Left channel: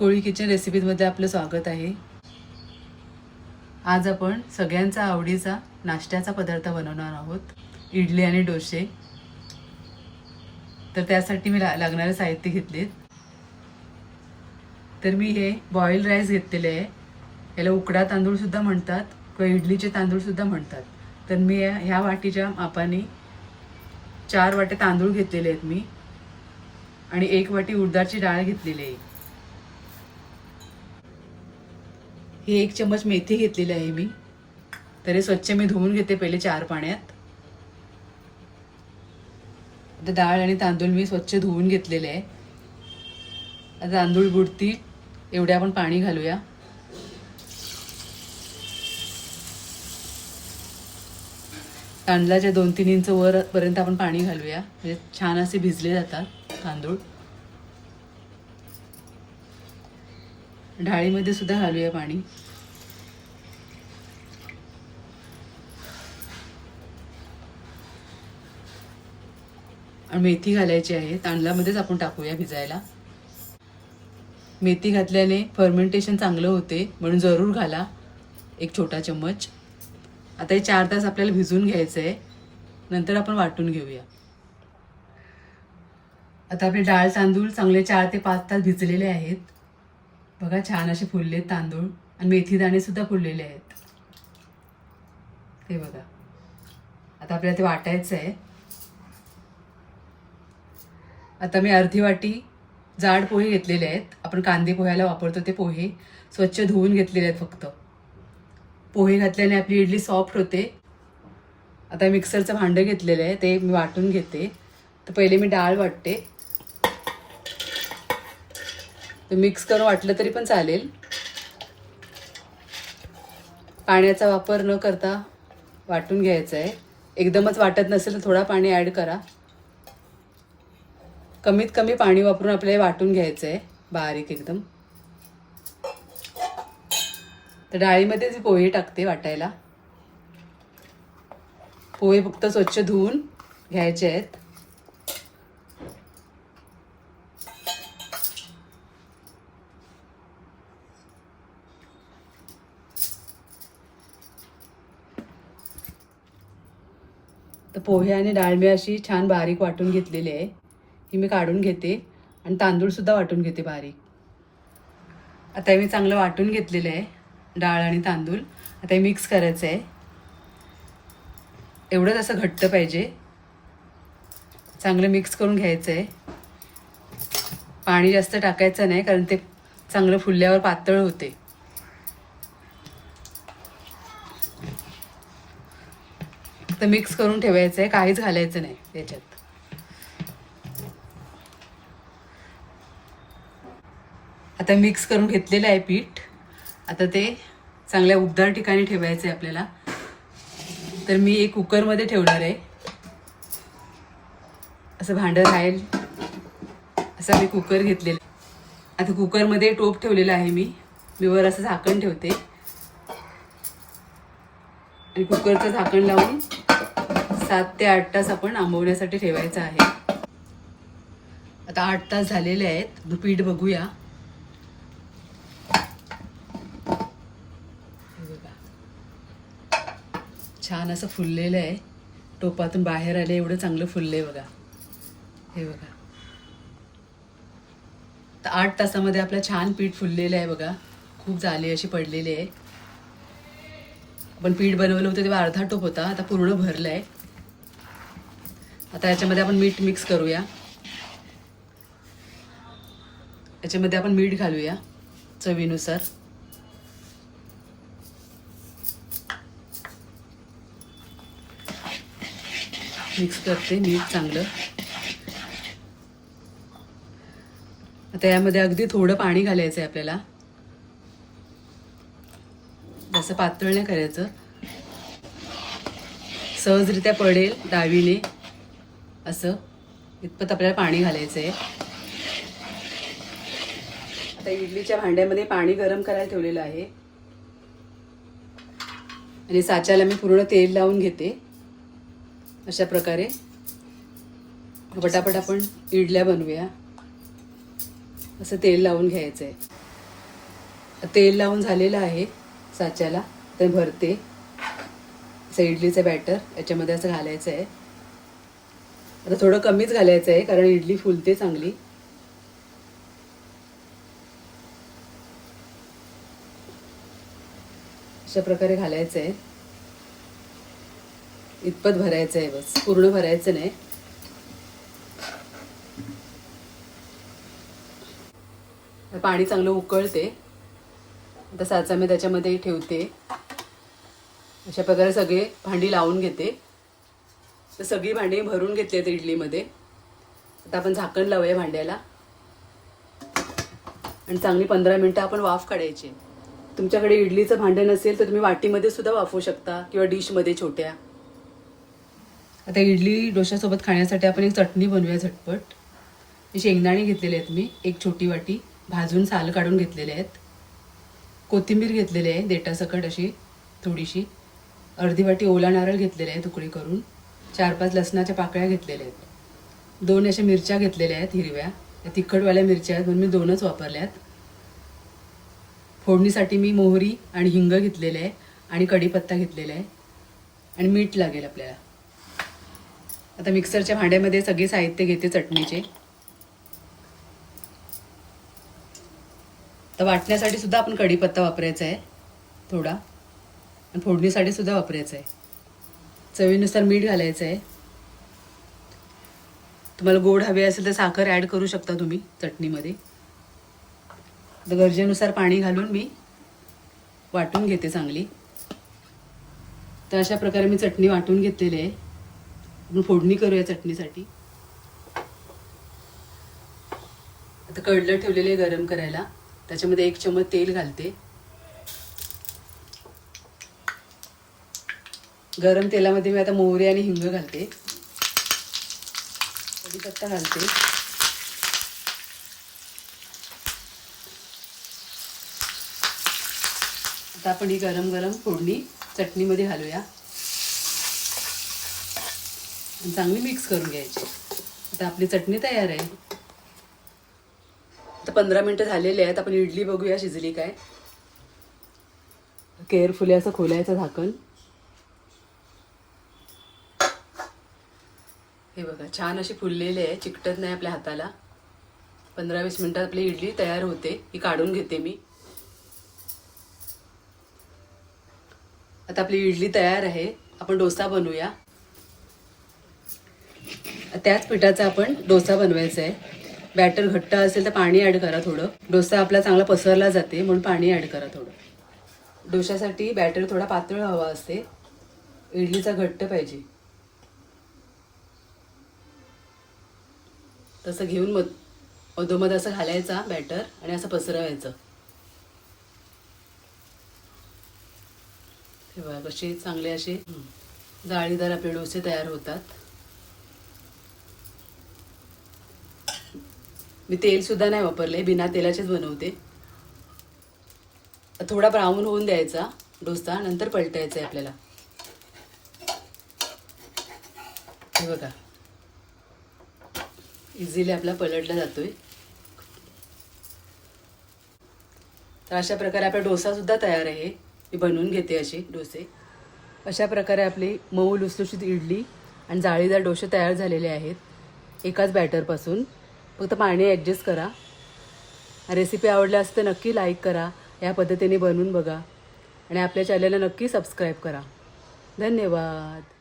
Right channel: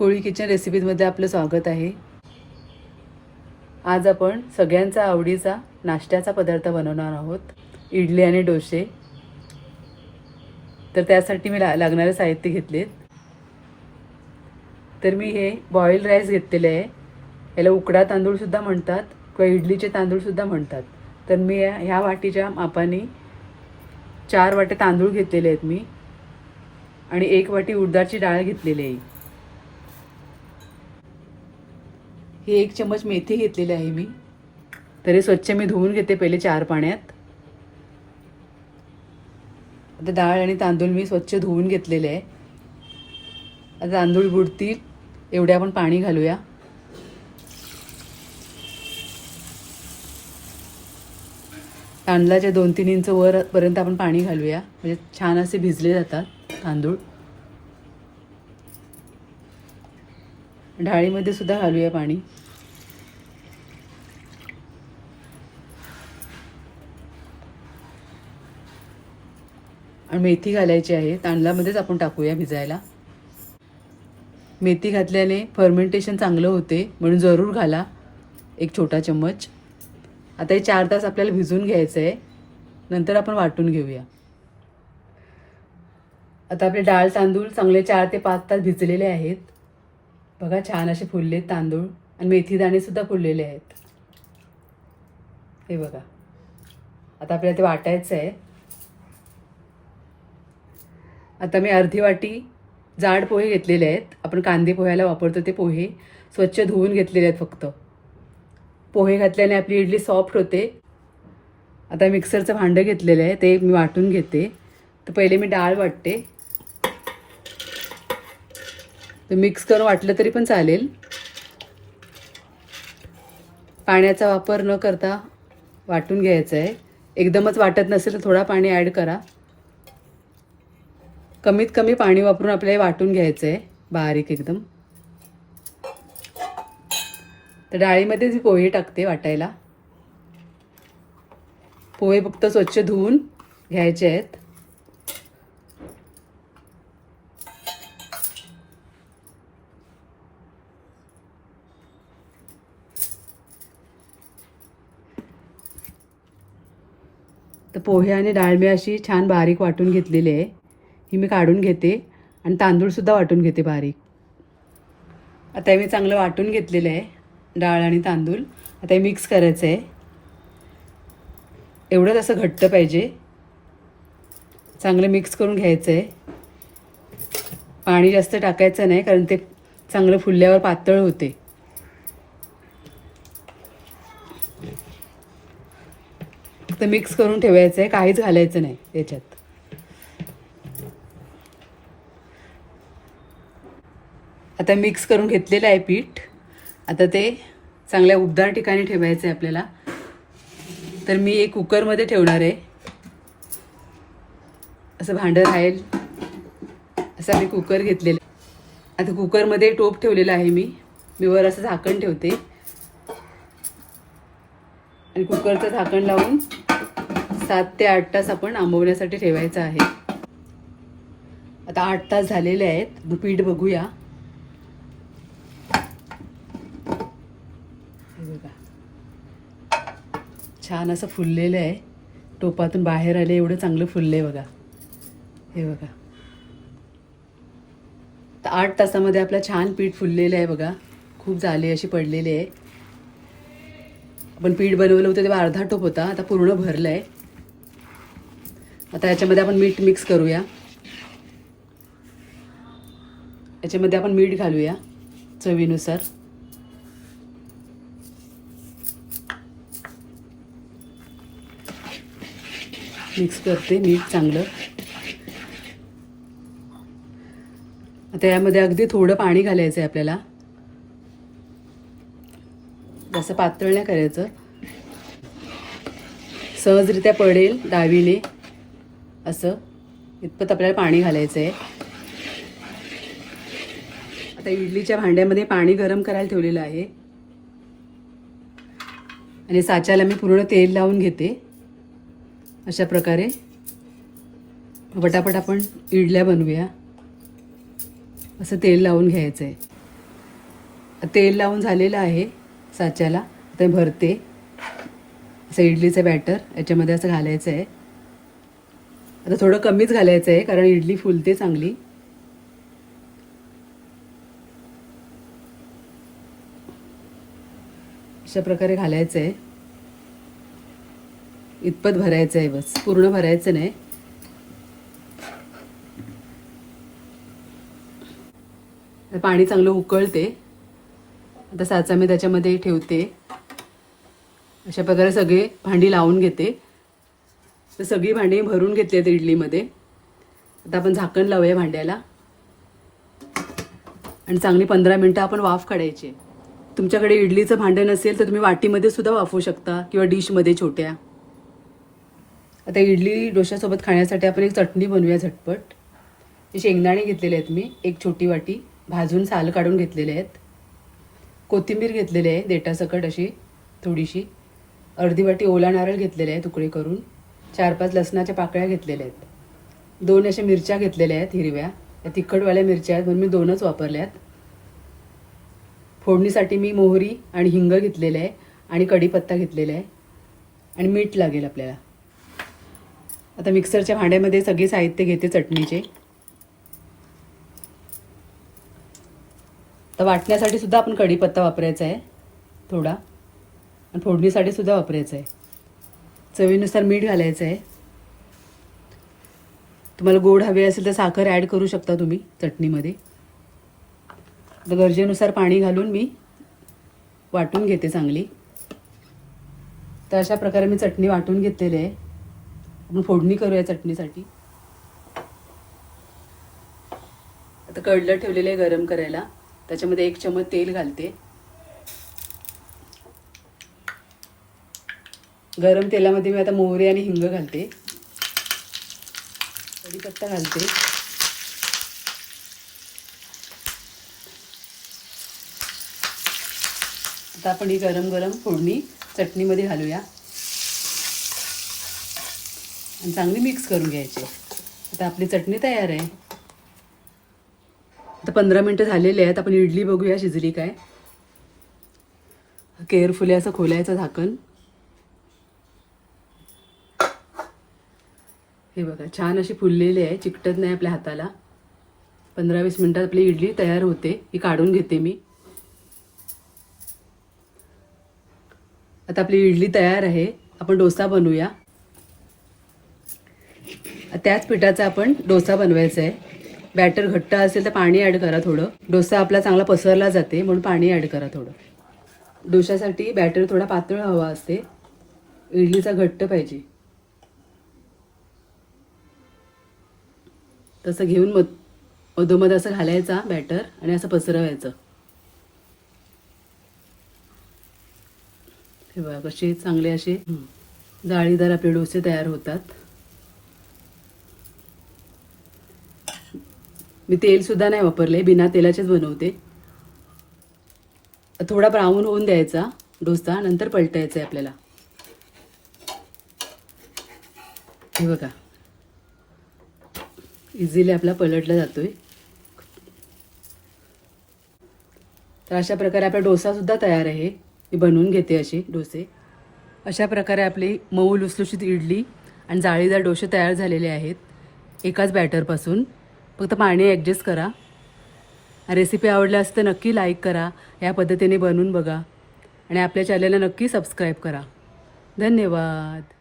कोळी kitchen रेसिपीजमध्ये आपलं स्वागत आहे. आज आपण सगळ्यांचा आवडीचा नाश्त्याचा पदार्थ बनवणार आहोत. इडली आणि डोसे. तर त्यासाठी मी ला लागणारे साहित्य घेतले तर मी हे बॉईल राईस घेतलेले आहे. याला उकडा तांदूळसुद्धा म्हणतात किंवा इडलीचे तांदूळसुद्धा म्हणतात. तर मी ह्या वाटीच्या मापाने चार वाटे तांदूळ घेतलेले आहेत मी. आणि एक वाटी उडदाची डाळ घेतलेली आहे. ही एक चम्मच मेथी घेतलेली आहे मी. तरी स्वच्छ मी धुवून घेते पहिले चार पाण्यात. आता डाळ आणि तांदूळ मी स्वच्छ धुवून घेतलेले आहे. आता तांदूळ बुडतील एवढे आपण पाणी घालूया. तांदळाच्या दोन तीन इंच वरपर्यंत आपण पाणी घालूया. म्हणजे छान असे भिजले जातात तांदूळ. डाळीमध्ये सुद्धा घालूया पाणी. आणि मेथी घालायची आहे. तांदळामध्येच आपण टाकूया भिजायला. मेथी घातल्याने फर्मेंटेशन चांगलं होते. म्हणून जरूर घाला. एक छोटा चम्मच. आता हे चार तास आपल्याला भिजून घ्यायचं आहे नंतर आपण वाटून घेऊया. आता आपले डाळ तांदूळ चांगले चार ते पाच तास भिजलेले आहेत. बघा छान असे फुलले तांदूळ आणि मेथी दाणे सुद्धा फुललेले आहेत. हे बघा. आता आपल्याला ते वाटायचं आहे. आता मी अर्धी वाटी जाड पोहे घेतलेले आहेत. आपण कांदे पोह्याला वापरतो ते पोहे स्वच्छ धुवून घेतलेले आहेत फक्त. पोहे घातल्याने आपली इडली सॉफ्ट होते. आता मिक्सरचं भांडं घेतलेलं आहे ते मी वाटून घेते. तर पहिले मी डाळ वाटते. ते मिक्स करून वाटलं तरी पण चालेल. पाण्याचा वापर न करता वाटून घ्यायचा आहे एकदमच वाटत नसेल तर थोडा पाणी ॲड करा. कमीत कमी पाणी वापरून आपल्याला हे वाटून घ्यायचं आहे बारीक एकदम. तर डाळीमध्येच पोहे टाकते वाटायला पोहे फक्त स्वच्छ धुवून घ्यायचे आहेत. तर पोहे आणि डाळ मी अशी छान बारीक वाटून घेतलेली आहे. ही मी काढून घेते आणि तांदूळसुद्धा वाटून घेते बारीक. आता हे मी चांगलं वाटून घेतलेलं आहे डाळ आणि तांदूळ. आता हे मिक्स करायचं आहे. एवढंच असं घट्ट पाहिजे. चांगलं मिक्स करून घ्यायचं आहे. पाणी जास्त टाकायचं नाही कारण ते चांगलं फुलल्यावर पातळ होते. तर मिक्स करून ठेवायचं आहे काहीच घालायचं नाही त्याच्यात आता मिक्स करून घेतलेलं आहे पीठ. आता ते चांगल्या उबदार ठिकाणी ठेवायचं आहे आपल्याला. तर मी एक कुकरमध्ये ठेवणार आहे. असं भांडं राहील. असं मी कुकर घेतलेलं आहे. आता कुकरमध्ये टोप ठेवलेला आहे मी. मी वर असं झाकण ठेवते. आणि कुकरचं झाकण लावून सात ते आठ तास आपण आंबवण्यासाठी ठेवायचं आहे. आता आठ तास झालेले आहेत. पीठ बघूया. हे बघा. छान असं फुललेलं आहे. टोपातून बाहेर आले एवढं चांगलं फुललं आहे बघा. हे बघा. तर आठ तासामध्ये आपलं छान पीठ फुललेलं आहे बघा. खूप झाले अशी पडलेली आहे. आपण पीठ बनवलं होतं तेव्हा अर्धा टोप होता आता पूर्ण भरलं आहे आता याच्यामध्ये आपण मीठ मिक्स करूया. याच्यामध्ये आपण मीठ घालूया चवीनुसार. मिक्स करते मीठ चांगलं. आता यामध्ये अगदी थोडं पाणी घालायचं आहे आपल्याला. असं पातळ नाही करायचं. सहजरित्या पडेल डावीने. असं. इतपत आपल्याला पाणी घालायचं आहे आता इडलीच्या भांड्यामध्ये पाणी गरम करायला ठेवलेलं आहे. आणि साच्याला मी पूर्ण तेल लावून घेते. अशा प्रकारे. पटापट आपण इडल्या बनवूया. असं तेल लावून घ्यायचं आहे तेल लावून झालेलं आहे. साच्याला. ते भरते. असं इडलीचं बॅटर याच्यामध्ये असं घालायचं आहे. आता थोडं कमीच घालायचं आहे कारण इडली फुलते चांगली. अशा प्रकारे घालायचं आहे. इतपत भरायचं आहे बस. पूर्ण भरायचं नाही. पाणी चांगलं उकळते. आता साचा मी त्याच्यामध्ये ठेवते. अशा प्रकारे सगळे भांडी लावून घेते. तर सगळी भांडी भरून घेतली आहेत इडलीमध्ये. आता आपण झाकण लावूया भांड्याला. आणि चांगली पंधरा मिनटं आपण वाफ काढायची. तुमच्याकडे इडलीचं भांडं नसेल तर तुम्ही वाटीमध्ये सुद्धा वाफवू शकता किंवा डिशमध्ये छोट्या. आता इडली डोश्यासोबत खाण्यासाठी आपण एक चटणी बनवूया झटपट. शेंगदाणे घेतलेले आहेत मी. एक छोटी वाटी. भाजून साल काढून घेतलेले आहेत. कोथिंबीर घेतलेली आहे देटासकट अशी थोडीशी. अर्धी वाटी ओला नारळ घेतलेले आहे तुकडे करून. चार पाच लसणाच्या पाकळ्या घेतलेल्या आहेत. दोन अशा मिरच्या घेतलेल्या आहेत हिरव्या. या तिखटवाल्या मिरच्या आहेत म्हणून मी दोनच वापरल्या आहेत फोडणीसाठी मी मोहरी आणि हिंग घेतलेलं आहे आणि कढीपत्ता घेतलेला आहे. आणि मीठ लागेल आपल्याला. आता मिक्सरच्या भांड्यामध्ये सगळे साहित्य घेते चटणीचे. तर वाटण्यासाठी सुद्धा आपण कढीपत्ता वापरायचा आहे थोडा. आणि फोडणीसाठी सुद्धा वापरायचं आहे. चवीनुसार मीठ घालायचं आहे. तुम्हाला गोड हवे असेल तर साखर ॲड करू शकता तुम्ही चटणीमध्ये. तर गरजेनुसार पाणी घालून मी वाटून घेते चांगली. तर अशा प्रकारे मी चटणी वाटून घेतलेली आहे. आपण फोडणी करूया चटणीसाठी. आता कडलं ठेवलेलं आहे गरम करायला. त्याच्यामध्ये एक चमच तेल घालते. गरम तेलामध्ये मी आता मोहरी आणि हिंग घालते. कढीपत्ता घालते. आता आपण ही गरम गरम फोडणी चटणीमध्ये घालूया. आणि चांगली मिक्स करून घ्यायची. आता आपली चटणी तयार आहे. आता पंधरा मिनटं झालेले आहेत आपण इडली बघूया शिजली काय. केअरफुली असं खोलायचं झाकण. हे बघा छान अशी फुललेली आहे चिकटत नाही आपल्या हाताला. पंधरा वीस मिनटात आपली इडली तयार होते ही काढून घेते मी. आता आपली इडली तयार आहे आपण डोसा बनवूया. त्याच पिठाचा आपण डोसा बनवायचा आहे. बॅटर घट्ट असेल तर पाणी ॲड करा थोडं. डोसा आपला चांगला पसरला जाते म्हणून पाणी ॲड करा थोडं. डोशासाठी बॅटर थोडा पातळ हवा असते. इडलीचा घट्ट पाहिजे. तसं घेऊन मध मधोमध असं घालायचा बॅटर आणि असं पसरवायचं. हे बघा कसे चांगले असे जाळीदार आपले डोसे तयार होतात. मी तेल सुद्धा नाही वापरले बिना तेलाचेच बनवते. थोडा ब्राऊन होऊन द्यायचा डोसा नंतर पलटायचा आहे आपल्याला. हे बघा. इझिली आपला पलटला जातोय. तर अशा प्रकारे आपला डोसा सुद्धा तयार आहे. मी बनवून घेते असे डोसे. अशा प्रकारे आपली मऊ लुसलुशीत इडली आणि जाळीदार डोसे तयार झालेले आहेत एकाच बॅटरपासून फक्त पाणी ॲडजस्ट करा. रेसिपी आवडल्या असेल तर नक्की लाईक करा. या पद्धतीने बनवून बघा. आणि आपल्या चॅनलला नक्की सबस्क्राईब करा. धन्यवाद.